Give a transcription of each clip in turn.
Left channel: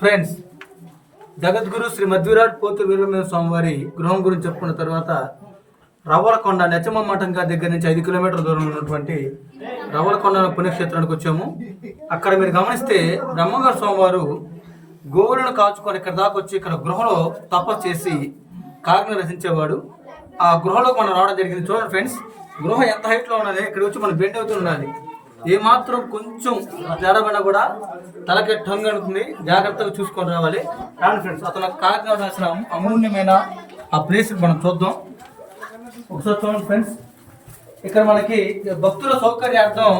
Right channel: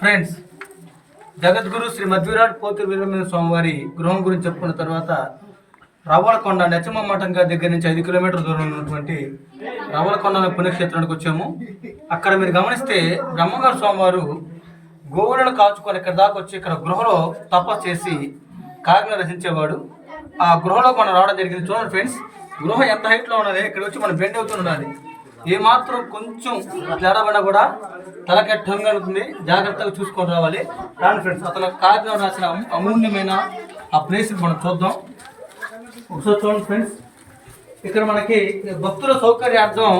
Friends, జగద్గురు శ్రీ మధ్విరాట్ పోతు వీరమేవ స్వామివారి గృహం గురించి చెప్పుకున్న తర్వాత రవ్వలకొండ నెచ్చమ్మ మఠం దగ్గర నుంచి 5 కిలోమీటర్ల దూరంలో ఉన్నటువంటి రవ్వలకొండ పుణ్యక్షేత్రానికి వచ్చాము. అక్కడ మీరు గమనిస్తే బ్రహ్మంగారు స్వామివారు గోవులను కాచుకొని ఇక్కడ దాకా వచ్చి ఇక్కడ గృహలో తపస్సు చేసి కాకిని రచించేవాడు. ఆ గృహలో మనం రావడం జరిగింది. చూడండి ఫ్రెండ్స్, గృహ ఎంత హైట్లో ఉన్నది. ఇక్కడ వచ్చి మనం బెండ్ అవుతూ ఉండాలి. ఏమాత్రం కొంచెం తేడాపడినా కూడా తలకే టంగ్ అనుకుంది. జాగ్రత్తగా చూసుకొని రావాలి. కానీ ఫ్రెండ్స్, అతను కాకినాడ రాసిన అమూల్యమైన ఆ ప్లేస్ మనం చూద్దాం. ఒకసారి చూడండి ఫ్రెండ్స్, ఇక్కడ మనకి భక్తుల సౌకర్యార్థం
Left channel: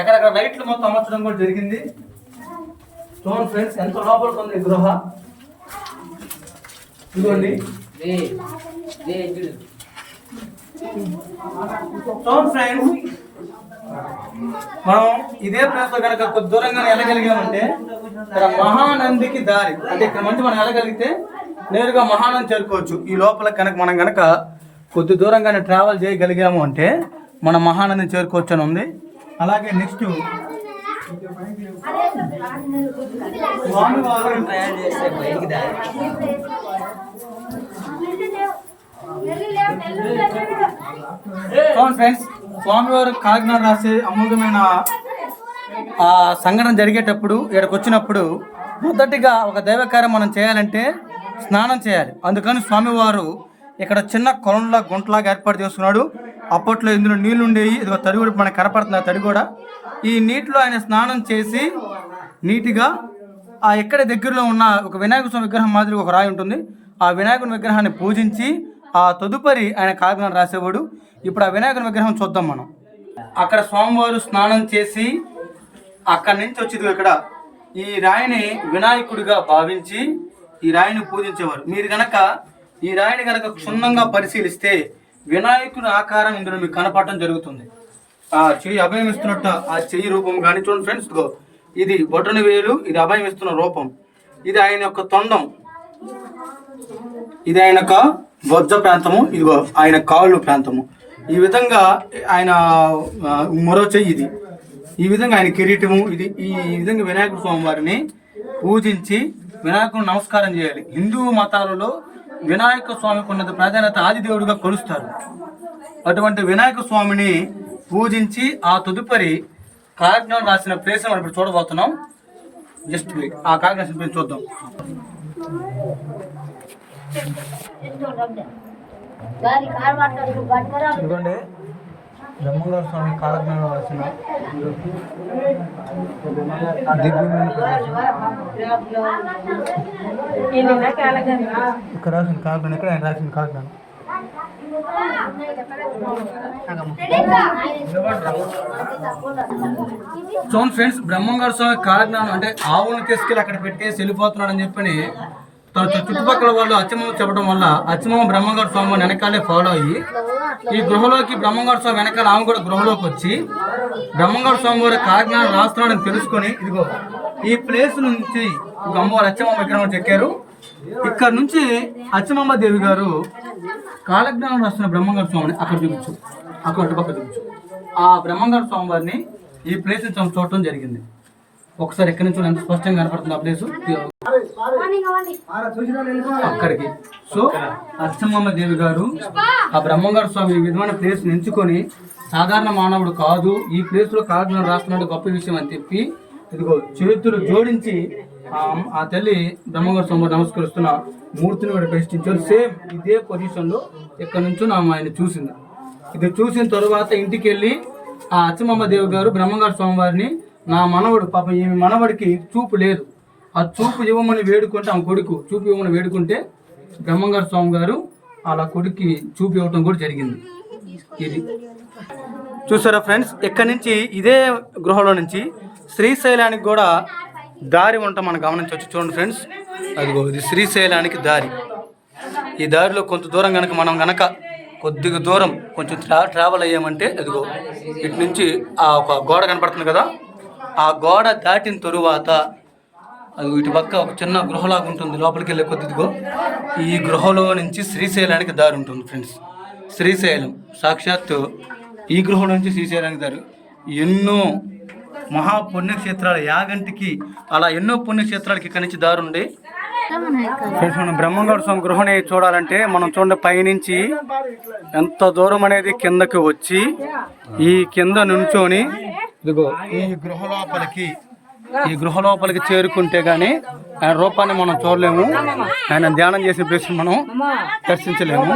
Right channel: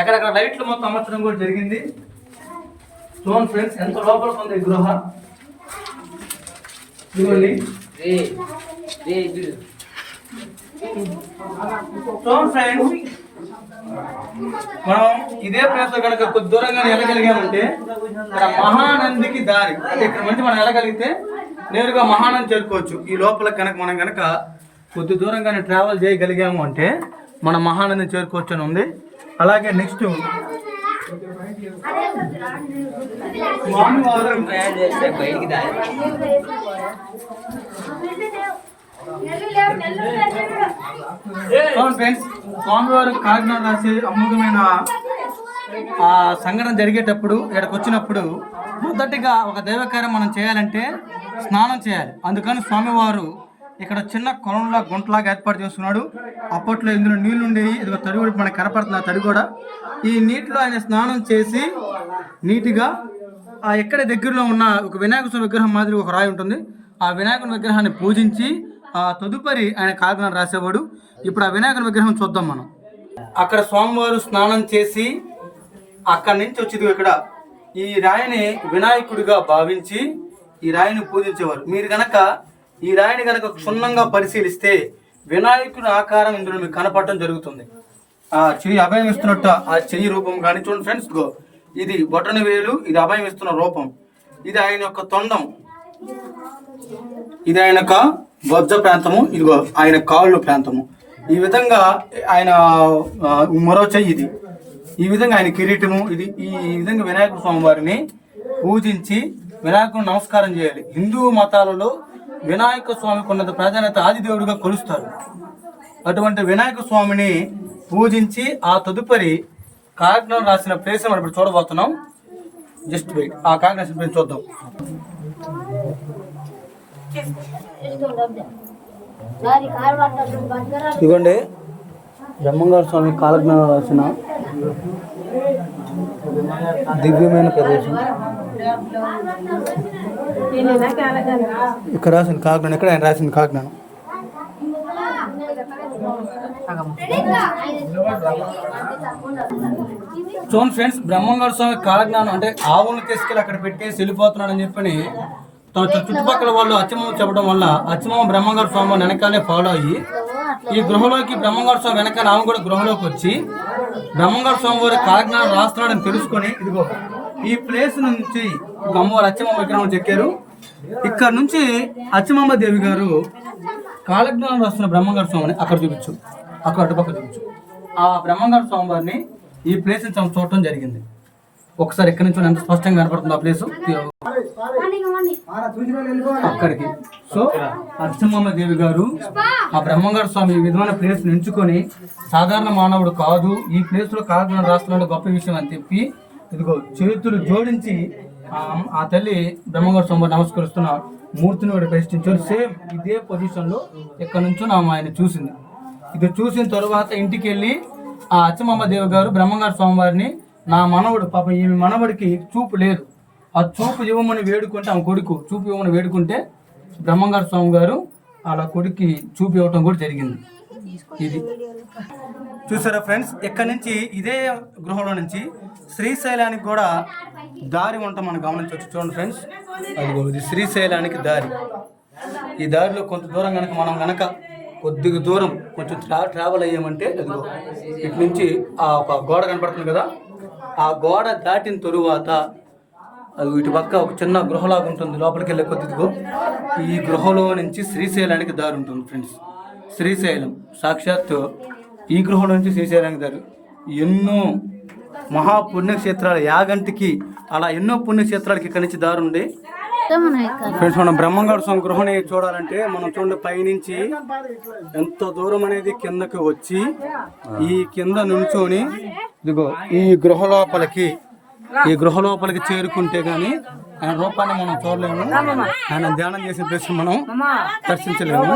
ఎక్కడెక్కడ లైట్లు మొత్తం అమర్చడం కూడా జరిగింది. చూడండి ఫ్రెండ్స్, ఎంత లోపలికి ఉంది ఈ గృహ. ఇదిగోండి. చూడండి ఫ్రెండ్స్, మనం ఇదే ప్లేస్ లో కనుక కొద్ది దూరంగా వెళ్ళగలిగామంటే ఇక్కడ మహానందికి దారి అంటే ఇక్కడ మంచి మనం వెళ్ళగలిగితే నేరుగా మహానంది చేరుకోవచ్చు. ఈ లోపల కనుక మనం కనుక కొద్ది దూరంగానే ట్రావెల్ చేయగలిగాము అంటే మన మహానందిని చేరుకోవచ్చు అని ఉంది. అలాగే నెక్స్ట్ ఫ్రెండ్స్, స్వామివారు కాకినాడ రాసే అమూల్యమైన సంఘటన జరిగేటప్పుడు ఇక్కడికి వచ్చినప్పుడు మొదటిగా ఒక దైవకార్యం మనం చేయాలంటే స్నానం చేయాలి. అందుకని స్వామివారు ఇక్కడ చిన్న కొలంలా గుంటలాగా ఏర్పాటు చేస్తున్నాడు. అప్పట్లో ఇందులో నీళ్లు ఉండేవి. ఇదిగో తడి కూడా మనకు కనపడుతుంది. ఆ తడి కూడా ఈ నీటిలో ఆయన స్నానం చేసి నీట్గా ఎక్కడ దగ్గరలో ఉన్న ఒక వినాయక స్వామి విగ్రహం మాదిరి ఒక రాయి ఉంటుంది. ఆ వినాయకుని విగ్రహాన్ని పూజించి ఆ తదుపరి ఆయన కాకినాడ రాసేవాడు. ఇప్పుడు ఆ వినాయకుని విగ్రహం చూద్దాం మనం. అక్కడ స్వామివారు స్నానం చేసి అక్కడి నుంచి వచ్చేది ఇక్కడ ఈ రాయిని వినాయకుడిగా భావించి ఈ రాయిని పూజించేవారు. మీరు గనక ఈ రాయిని గనక క్షుణ్ణంగా పరిశీలిస్తే వినాయకుడి ఆకారం ఇందులో మీకు కనపడటం జరుగుతుంది. ఆ చెయ్యి అభయం ఇస్తున్నట్టు ఆ చెయ్యి రూపం కానీ చూడండి ఫ్రెండ్స్, ఇది బొటన వేలు, ఇది అభయం ఇస్తున్న రూపం, ఇది ఆయన యొక్క తొండం, ఇది ఆయన యొక్క బొజ్జ ప్రాంతము, ఇదిగో ఆయన కాళ్ళు ప్రాంతము. ఈ విధంగా ఆయన మరో చెయ్యి ఇది, ఈ విధంగా ఆయన కిరీటము ఇది. ఈ విధంగా వినాయకుడు స్వామి వారిని పూజించి వినాయకుడు నమస్కారం చేయాలి. హిందూ మతాలలో వినాయక స్వామికి ఉన్నత ప్రాధాన్యత, ఆదిదేవుడిగా కొలుస్తారు. అటువంటి వినాయక స్వామిని పూజించి ఆ తదుపరి కాకినాడ రాసిన ప్లేస్ మనం ఇప్పుడు చూడబోతున్నాం. జస్ట్ వెయిట్, ఆ కాకినాడ రాసిన ప్లేస్ చూద్దాం. ఇదిగోండి, బ్రహ్మంగారు స్వామి కాలజ్ఞానం రాసిన దివ్యమైన ప్రదేశం. ఇక్కడ రాసింది కాకినాడ. ఎక్కడ ఆయన రాసింది కాకినాడ. చూడండి ఫ్రెండ్స్, బ్రహ్మంగారు స్వామి కాలజ్ఞానం అంటే ఆవులను తీసుకెళ్ళి అక్కడ పెట్టేసి వెళ్ళిపోతున్నాడు అని చెప్పని తన చుట్టుపక్కల వాళ్ళు అచ్చమ్మ చెప్పడం వల్ల అచ్చమ్మ బ్రహ్మంగారు స్వామి వెనకాలే ఫాలో అయ్యి ఈ గృహలోకి బ్రహ్మంగారు స్వామి వెనకాల ఆమె కూడా గృహలోకి వచ్చి బ్రహ్మంగారు స్వామి వారి కాలజ్ఞానం రాస్తున్నాడని తెలుసుకొని ఇదిగో ఈ ప్లేస్ నుంచి అమ్మవారు అచ్చమ్మ విగ్రహం చెక్కారు. ఇక్కడ నుంచి అచ్చమ్మ దేవి గారు కాలజ్ఞానం రాస్తున్న బ్రహ్మంగారు స్వామిని అక్కడ చూపించు, అక్కడ అటుపక్క చూపించు. ఆ బ్రహ్మంగారు స్వామి వారిని ఈ ప్లేస్ చూడటం జరిగింది. ఒకసారి ఎక్కడి నుంచి ఎంత స్పష్టంగా కనపడుతుంది ఆ ప్లేసు అక్కడికి. సో అచ్చమ్మ దేవి గారు ఆ బ్రహ్మంగారు స్వామి ఈ విధమైన ప్లేస్ ఎంచుకొని సాధారణ మానవుడు కాదు, ఈ ప్లేస్ లో కాకినాడ రాస్తున్నాడు గొప్ప విషయం అని చెప్పి ఇదిగో చేతులు జోడించి ఆ తల్లి బ్రహ్మంగారు స్వామి నమస్కరిస్తున్న మూర్తిని కూడా ప్రతిష్ఠించారు. సేమ్ ఇదే పొజిషన్ లో ఎక్కడి నుంచో ఆయన చూసింది. ఇది చూసిన తరువాత ఇంటికి వెళ్ళి ఆ అచ్చమ్మ దేవి గారు బ్రహ్మంగారు స్వామి వారిని, నా మనవడు పాప ఈ మనవడికి చూపు లేదు, ఆ చూపు ఇవ్వమని వేడుకుంటే, ఆమె కొడుకు చూపు ఇవ్వమని వేడుకుంటే బ్రహ్మంగారు స్వామి గారు అలా కొడుక్కి చూపు ఇవ్వటం కూడా జరిగింది. ఇది చూసారా ఫ్రెండ్స్, ఎక్కడి నుంచి ఇదే గృహలో నుంచి శ్రీశైలానికి కూడా దారి ఉండటం మనం గమనించవచ్చు. చూడండి ఫ్రెండ్స్, అదిగో ఇది శ్రీశైలానికి దారి. ఈ దారిలో కొంత దూరం కనుక మనం కనుక కొద్దిగా దూరం కొంచెం ట్రావెల్ అయ్యామంటే అదిగో ఇటు నుంచి ఆ ఒక గోడ కనపడుతుంది కదా, ఆ గోడ దాటిన తరువాత అది ఇటు పక్క ఒక చిన్న గృహలాగా ఉంటుంది. లోపలికి వెళ్ళే కొద్దిగో ఈ గృహలో నుంచి శ్రీశైలానికి దారి ఉంటుంది ఫ్రెండ్స్. శ్రీశైలం సాక్షాత్తు ఈ గృహలో నుంచి శ్రీశైలానికి దారి. ఎన్నో మహాపుణ్యక్షేత్రాల యాగంటికి అలా ఎన్నో పుణ్యక్షేత్రాలకి ఇక్కడి నుంచి దారుండి. ఫ్రెండ్స్, మనం బ్రహ్మంగారు స్వామి గృహని చూడాలంటే మనం చూడండి పైనుంచి ఎంత దూరం అనేది కిందకి వచ్చి ఈ కింద నుంచొని ఇదిగో ఈ గృహ లోపలికి చేరుకుంటే గాని ఆయన రూపాన్ని మనం చూడలేము, ఆయన ధ్యానం చేసే ప్లేస్ మనం దర్శించలేము.